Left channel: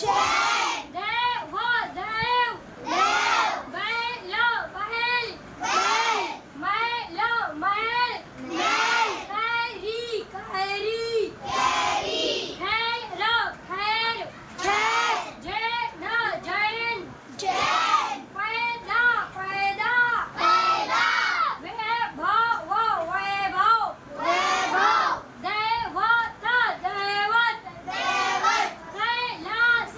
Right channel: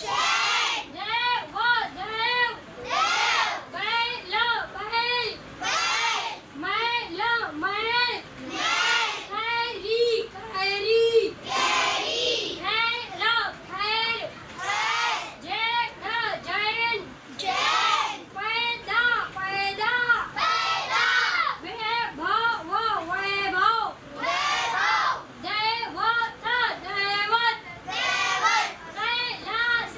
चैन देव देव देव बैल बैल बैल मैल मैल मैल कैरी कैरी कैरी खैर खैर खैर जैन जैन जैन पैदा पैदा पैदा वैभव वैभव वैभव दैवत दैवत दैवत कैलास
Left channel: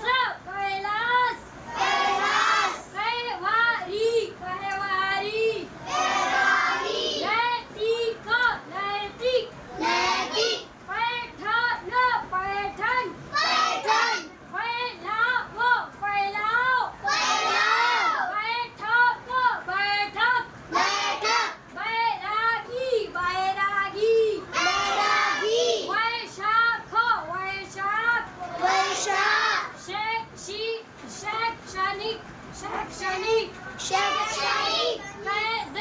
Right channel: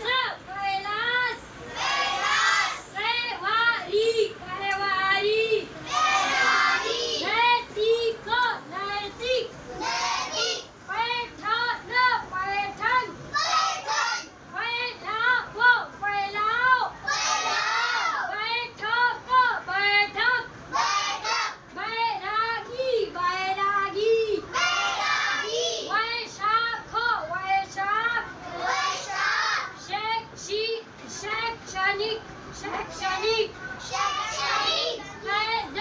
कैलास कैलास कैवारी कैवारी कैवारी नैतिक नैतिक नैतिक पैठण पैठण पैठण फैलाव फैलाव फैलाव बैठक बैठक बैठक बैरागी बैरागी बैरागी वैशाख वैशाख वैशाख शैक्षणिक शैक्षणिक शैक्षणिक कैद